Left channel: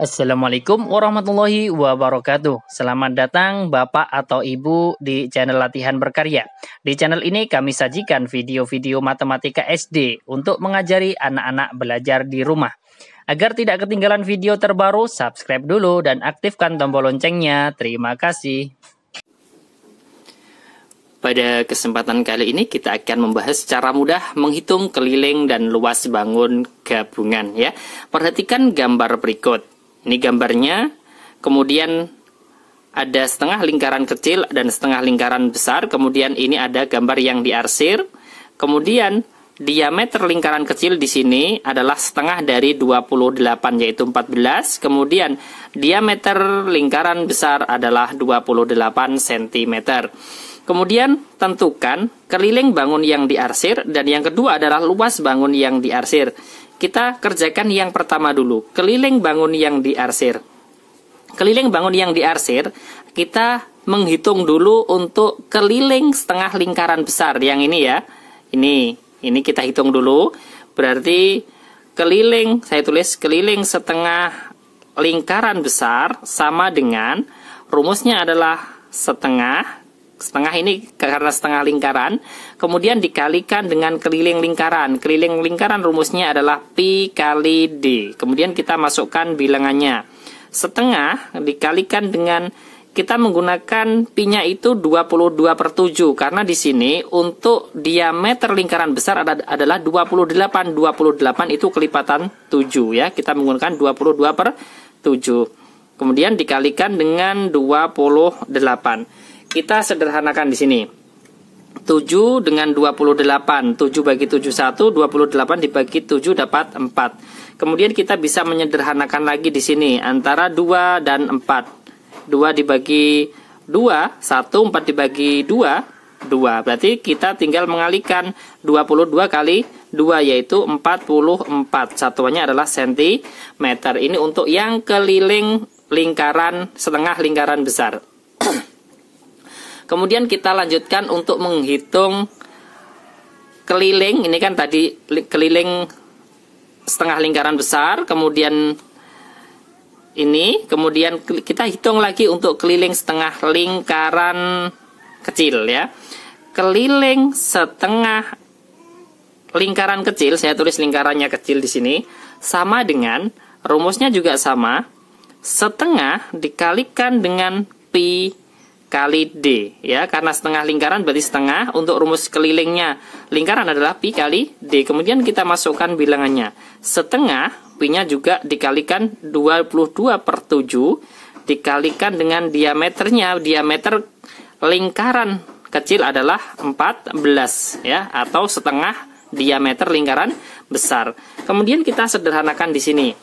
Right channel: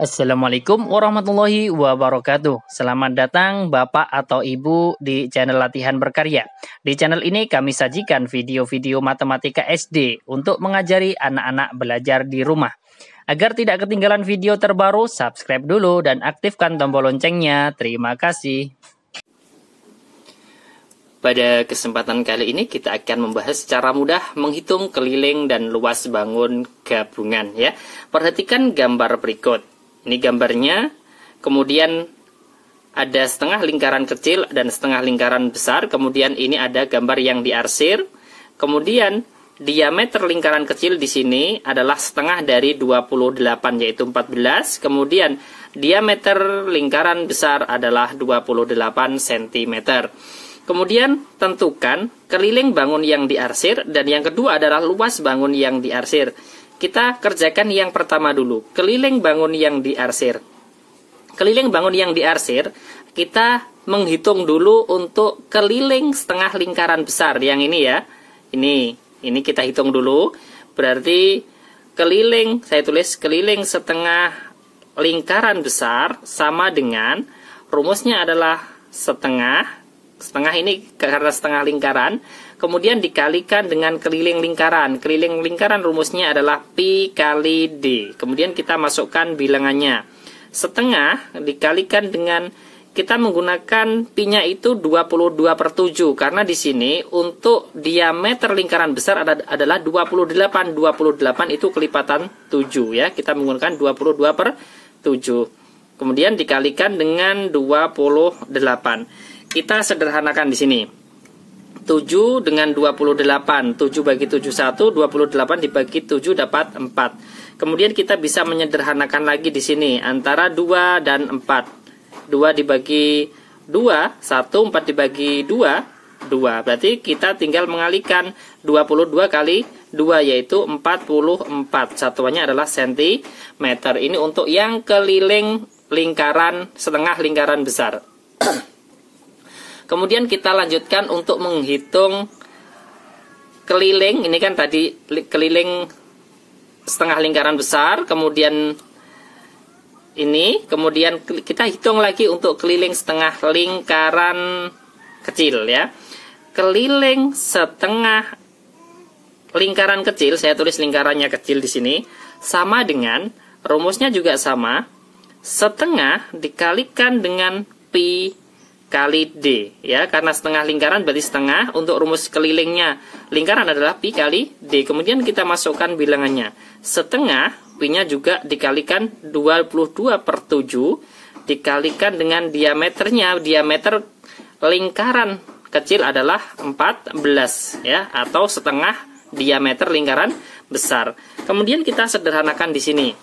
Assalamualaikum warahmatullahi wabarakatuh. Selamat datang Bapak atau Ibu di channel Latihan Berkarya. Di channel ini kami sajikan video-video matematika SD untuk mengajari anak-anak belajar di rumah. Agar tidak ketinggalan video terbaru, subscribe dulu dan aktifkan tombol loncengnya. Terima kasih. Pada kesempatan kali ini kita akan membahas secara mudah menghitung keliling dan luas bangun gabungan ya. Perhatikan gambar berikut. Ini gambarnya, kemudian ada setengah lingkaran kecil dan setengah lingkaran besar, kemudian ini ada gambar yang diarsir, kemudian diameter lingkaran kecil di sini adalah setengah dari 28 yaitu 14, kemudian diameter lingkaran besar adalah 28 cm. Kemudian tentukan keliling bangun yang diarsir dan yang kedua adalah luas bangun yang diarsir. Kita kerjakan yang pertama dulu, keliling bangun yang diarsir. Keliling bangun yang diarsir, kita menghitung dulu untuk keliling setengah lingkaran besar. Yang ini ya, ini kita hitung dulu. Berarti keliling, saya tulis keliling setengah lingkaran besar sama dengan, rumusnya adalah setengah ini karena setengah lingkaran, kemudian dikalikan dengan keliling lingkaran. Keliling lingkaran rumusnya adalah Pi kali D. Kemudian kita masukkan bilangannya. Setengah dikalikan dengan, kita menggunakan Pi-nya itu 22/7. Karena di sini untuk diameter lingkaran besar adalah 28. 28 itu kelipatan 7 ya. Kita menggunakan 22/7. Kemudian dikalikan dengan 28. Kita sederhanakan di sini. 7 dengan 28. 7 bagi 7 1, 28 dibagi 7 dapat 4. Kemudian kita bisa menyederhanakan lagi di sini antara 2 dan 4. 2 dibagi 2, 1, 4 dibagi 2, 2. Berarti kita tinggal mengalihkan 22 kali 2 yaitu 44. Satuannya adalah sentimeter. Ini untuk yang keliling lingkaran setengah lingkaran besar. Kemudian kita lanjutkan untuk menghitung keliling. Ini kan tadi keliling setengah lingkaran besar. Kemudian ini. Kemudian kita hitung lagi untuk keliling setengah lingkaran kecil ya. Keliling setengah lingkaran kecil. Saya tulis lingkarannya kecil di sini. Sama dengan, rumusnya juga sama. Setengah dikalikan dengan Pi kali D ya, karena setengah lingkaran berarti setengah. Untuk rumus kelilingnya lingkaran adalah Pi kali D. Kemudian kita masukkan bilangannya. Setengah, Pi-nya juga dikalikan 22/7 dikalikan dengan diameternya. Diameter lingkaran kecil adalah 14 ya, atau setengah diameter lingkaran besar. Kemudian kita sederhanakan di sini.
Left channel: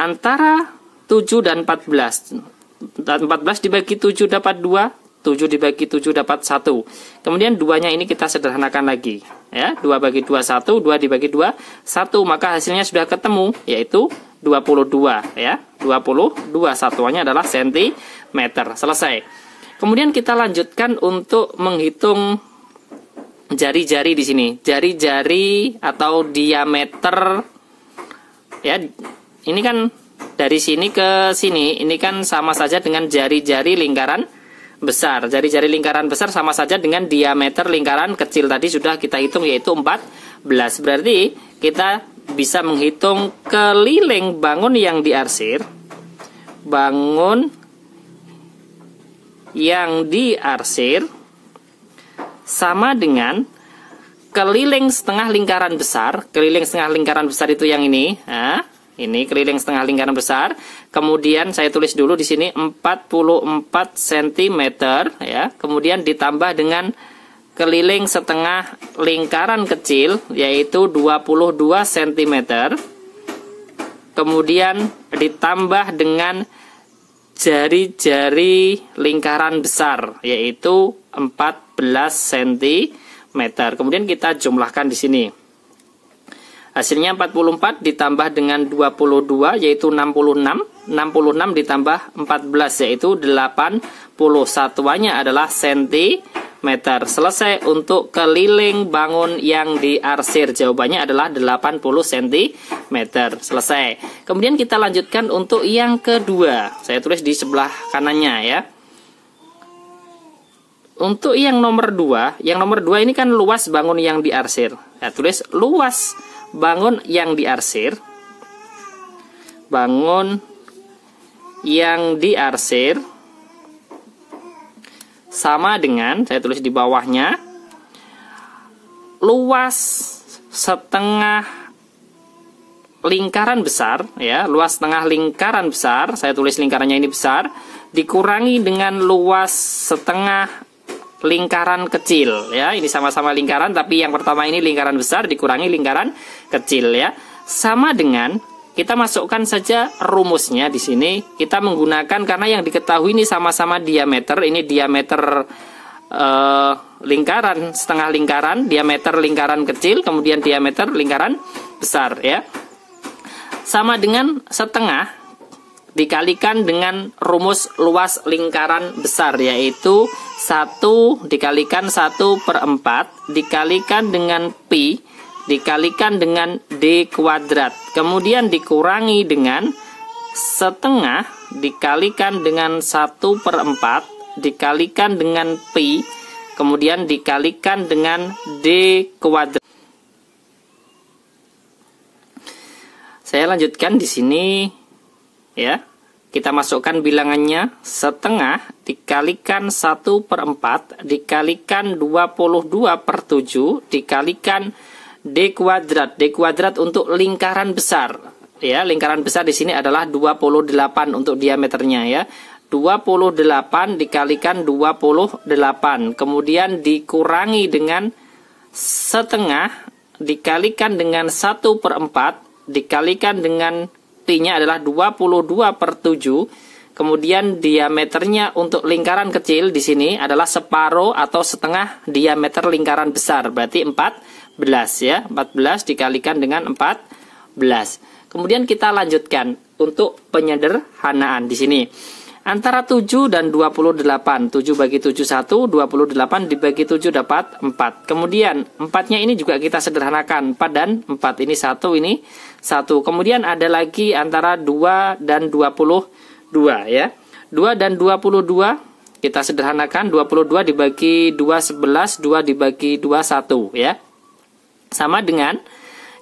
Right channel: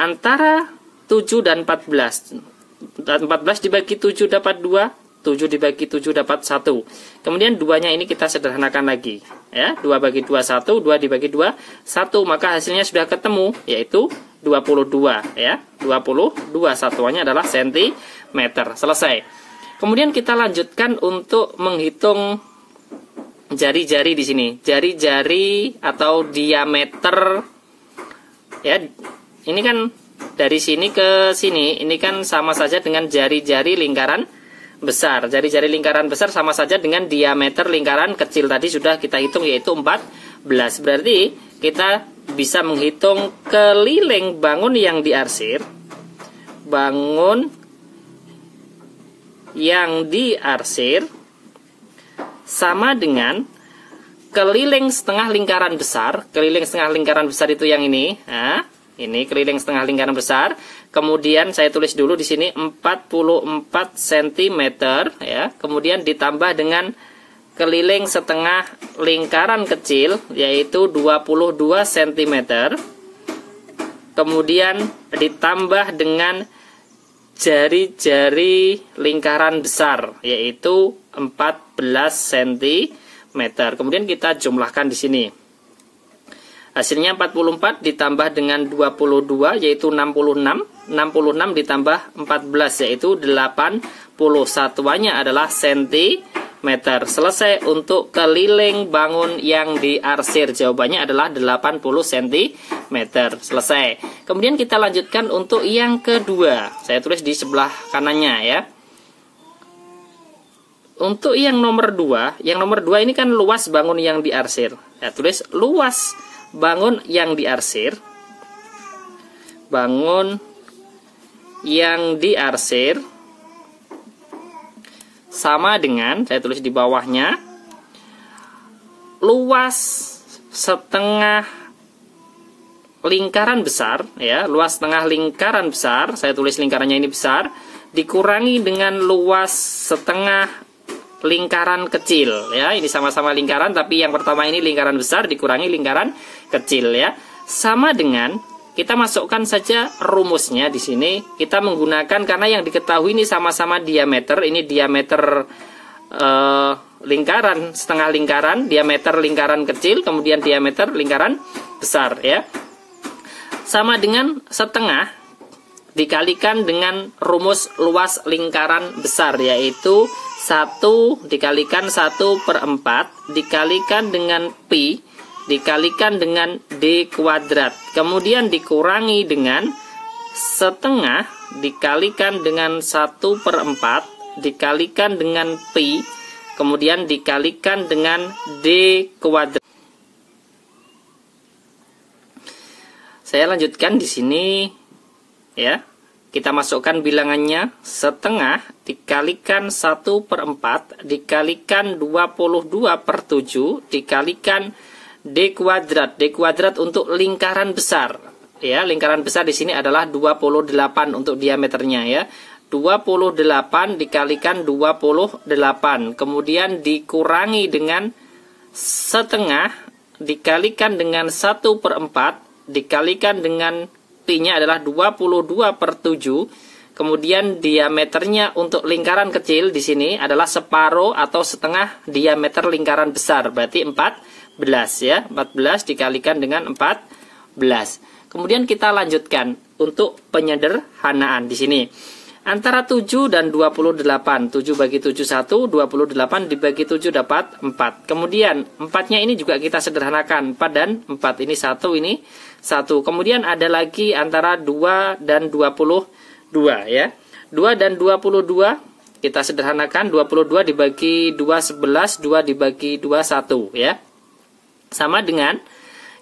Antara 7 dan 14. 14 dibagi 7 dapat 2. 7 dibagi 7 dapat 1. Kemudian 2-nya ini kita sederhanakan lagi. Ya, 2 bagi 2, 1. 2 dibagi 2, 1. Maka hasilnya sudah ketemu, yaitu 22. Ya, 22. Satuannya adalah sentimeter. Selesai. Kemudian kita lanjutkan untuk menghitung jari-jari di sini. Jari-jari atau diameter. Ya, ini kan dari sini ke sini. Ini kan sama saja dengan jari-jari lingkaran besar. Jari-jari lingkaran besar sama saja dengan diameter lingkaran kecil. Tadi sudah kita hitung yaitu 14. Berarti kita bisa menghitung keliling bangun yang diarsir. Bangun yang diarsir sama dengan keliling setengah lingkaran besar. Keliling setengah lingkaran besar itu yang ini. Nah, ini keliling setengah lingkaran besar. Kemudian saya tulis dulu di sini 44 cm ya. Kemudian ditambah dengan keliling setengah lingkaran kecil yaitu 22 cm. Kemudian ditambah dengan jari-jari lingkaran besar yaitu 14 cm. Kemudian kita jumlahkan di sini. Hasilnya 44 ditambah dengan 22 yaitu 66. 66 ditambah 14 yaitu 80. Satuannya adalah cm. meter. Selesai untuk keliling bangun yang diarsir. Jawabannya adalah 80 cm. Selesai. Kemudian kita lanjutkan untuk yang kedua. Saya tulis di sebelah kanannya ya. Untuk yang nomor 2, ini kan luas bangun yang diarsir. Saya tulis luas bangun yang diarsir. Bangun yang diarsir sama dengan, saya tulis di bawahnya, luas setengah lingkaran besar, ya, luas setengah lingkaran besar, saya tulis lingkarannya ini besar, dikurangi dengan luas setengah lingkaran kecil, ya, ini sama-sama lingkaran, tapi yang pertama ini lingkaran besar dikurangi lingkaran kecil, ya, sama dengan. Kita masukkan saja rumusnya di sini. Kita menggunakan karena yang diketahui ini sama-sama diameter. Ini diameter lingkaran, setengah lingkaran, diameter lingkaran kecil, kemudian diameter lingkaran besar ya. Sama dengan setengah dikalikan dengan rumus luas lingkaran besar, yaitu 1 dikalikan 1/4 dikalikan dengan pi dikalikan dengan D kuadrat, kemudian dikurangi dengan setengah dikalikan dengan 1/4 dikalikan dengan pi, kemudian dikalikan dengan D kuadrat. Saya lanjutkan di sini ya. Kita masukkan bilangannya, setengah dikalikan 1/4 dikalikan 22/7 dikalikan D kuadrat. D kuadrat untuk lingkaran besar. Ya, lingkaran besar di sini adalah 28 untuk diameternya ya. 28 dikalikan 28. Kemudian dikurangi dengan setengah dikalikan dengan 1/4 dikalikan dengan pi-nya adalah 22/7. Kemudian diameternya untuk lingkaran kecil di sini adalah separuh atau setengah diameter lingkaran besar. Berarti 14 ya, 14 dikalikan dengan 14. Kemudian kita lanjutkan untuk penyederhanaan di sini. Antara 7 dan 28. 7 bagi 7 1, 28 dibagi 7 dapat 4. Kemudian 4-nya ini juga kita sederhanakan. 4 dan 4 ini 1, ini 1. Kemudian ada lagi antara 2 dan 22 ya. 2 dan 22 kita sederhanakan. 22 dibagi 2 11, 2 dibagi 2 1 ya. Sama dengan,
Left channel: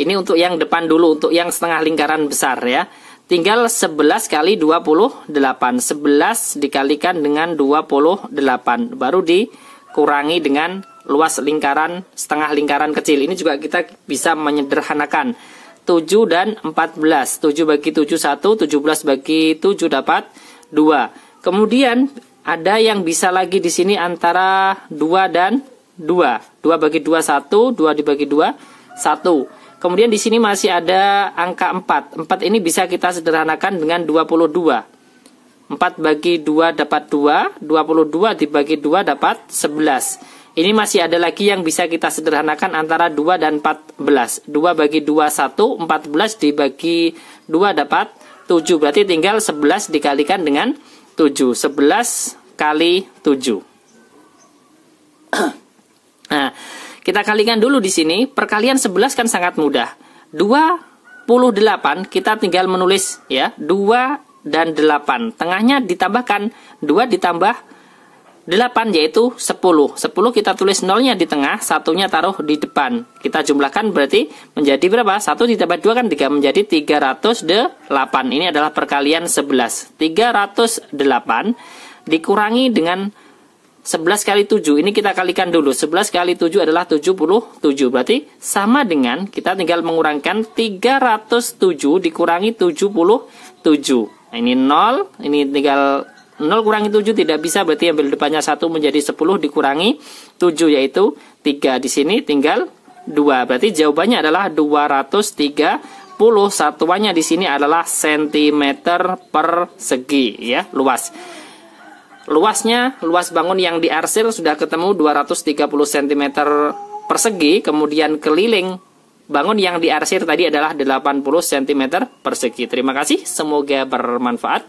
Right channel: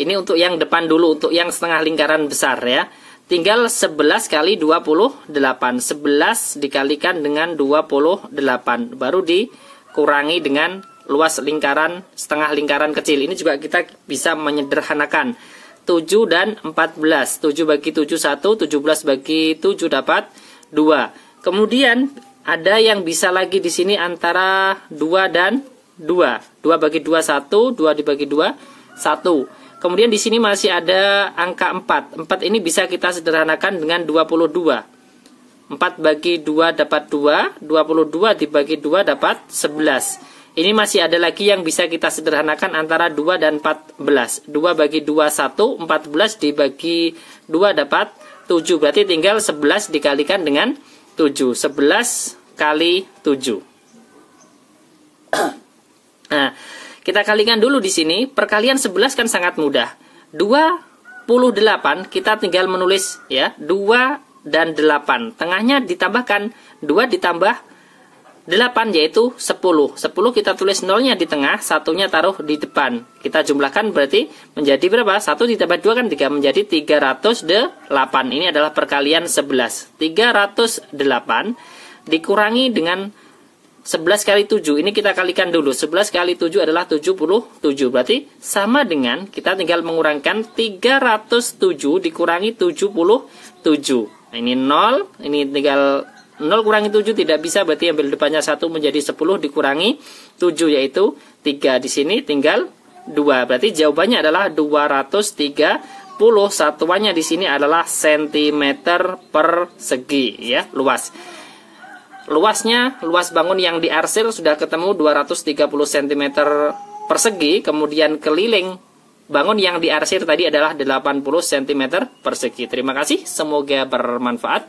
ini untuk yang depan dulu, untuk yang setengah lingkaran besar ya. Tinggal 11 kali 28. 11 dikalikan dengan 28. Baru dikurangi dengan luas lingkaran, setengah lingkaran kecil. Ini juga kita bisa menyederhanakan. 7 dan 14. 7 bagi 7 1, 17 bagi 7 dapat 2. Kemudian ada yang bisa lagi di sini antara 2 dan 2. 2 bagi 2 1, 2 dibagi 2 1. Kemudian di sini masih ada angka 4. 4 ini bisa kita sederhanakan dengan 22. 4 bagi 2 dapat 2, 22 dibagi 2 dapat 11. Ini masih ada lagi yang bisa kita sederhanakan antara 2 dan 14. 2 bagi 2 1, 14 dibagi 2 dapat 7. Berarti tinggal 11 dikalikan dengan 7. 11 kali 7. Nah, kita kalikan dulu di sini. Perkalian 11 kan sangat mudah. 28 kita tinggal menulis ya, 2 dan 8. Tengahnya ditambahkan 2 ditambah 8 yaitu 10. 10 kita tulis nolnya di tengah, satunya taruh di depan. Kita jumlahkan berarti menjadi berapa? 1 ditambah 2 kan 3, menjadi 308. Ini adalah perkalian 11. 308 dikurangi dengan 11 kali 7, ini kita kalikan dulu. 11 kali 7 adalah 77. Berarti sama dengan, kita tinggal mengurangkan 307 dikurangi 77. Nah, ini 0, ini tinggal 0 kurangi 7 tidak bisa, berarti ambil depannya 1 menjadi 10 dikurangi 7, yaitu 3. Di sini tinggal 2. Berarti jawabannya adalah 230. Satuannya di sini adalah centimeter persegi ya, luas. Luasnya, luas bangun yang diarsir sudah ketemu 230 cm persegi. Kemudian keliling bangun yang diarsir tadi adalah 80 cm persegi. Terima kasih, semoga bermanfaat.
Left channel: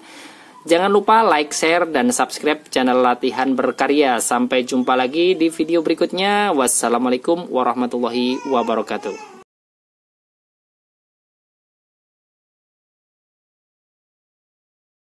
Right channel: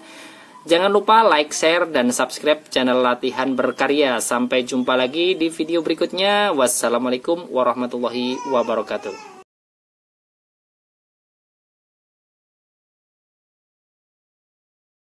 Jangan lupa like, share, dan subscribe channel Latihan Berkarya. Sampai jumpa lagi di video berikutnya. Wassalamualaikum warahmatullahi wabarakatuh.